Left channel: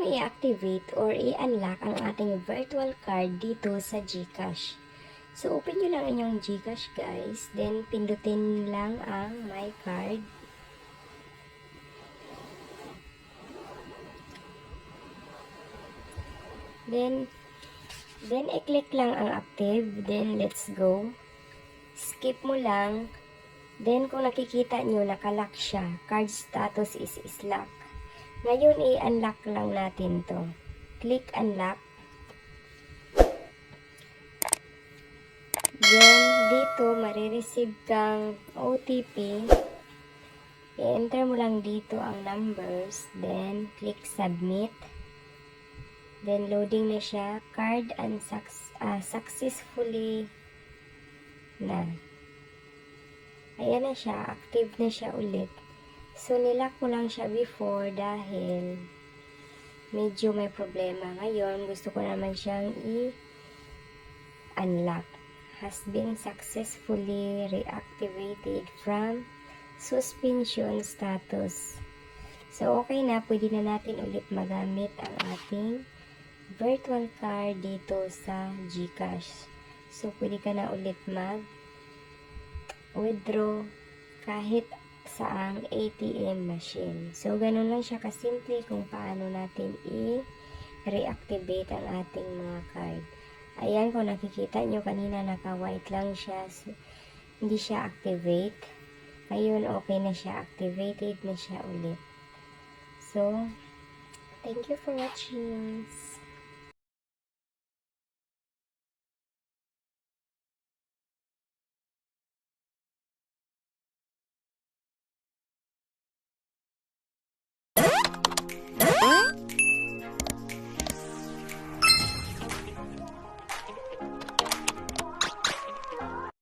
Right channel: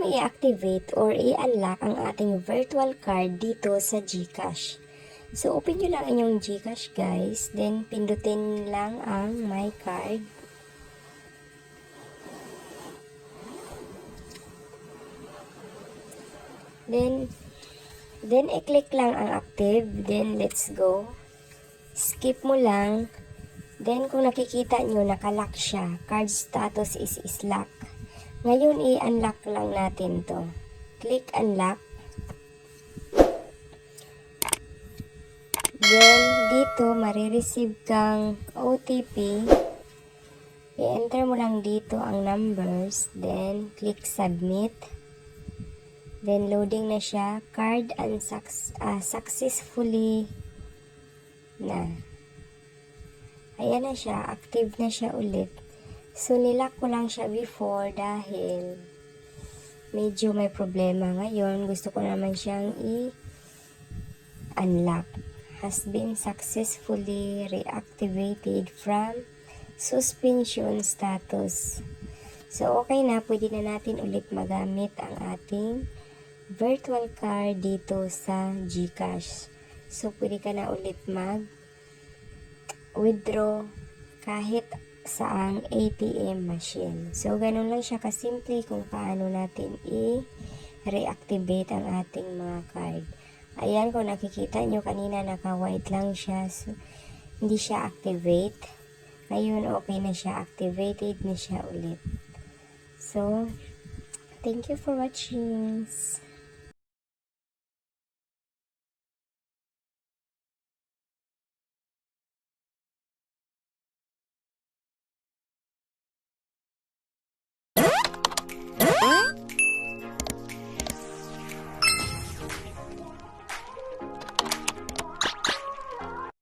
mo i-activate or i-unlock ang ating virtual card dito sa GCash? So, open nyo lang inyong GCash, guys. Then, pindutin lang ang My Card. Then i-click lang ang active. Then, let's go. Skip mo lang. Then, kung nakikita nyo, nakalock siya. Card status is lock. Ngayon, i-unlock lang natin to. Click unlock. Then, dito, marireceive kang OTP. I-enter mo lang dito ang numbers. Then, click submit. Then, loading na siya. Card successfully na. Ayan na siya. Active na siya ulit. So, nilock ko lang siya before dahil medyo may problema. Ngayon, gusto ko naman siyang i-unlock. Has been successfully reactivated from suspension status. So, okay na. Pwede na natin ulit magamit ang ating virtual card dito sa GCash. So, pwede ka na ulit mag-withdraw kahit saang ATM machine. So, ganun lang siya kasimple kung paano natin i-reactivate ang ating mga card. Ayan, kung nakikita nyo kanina naka-white lang siya. So, hindi siya activate. Ngayon, okay na siya. Activated na siya ulit. So, thank you for watching.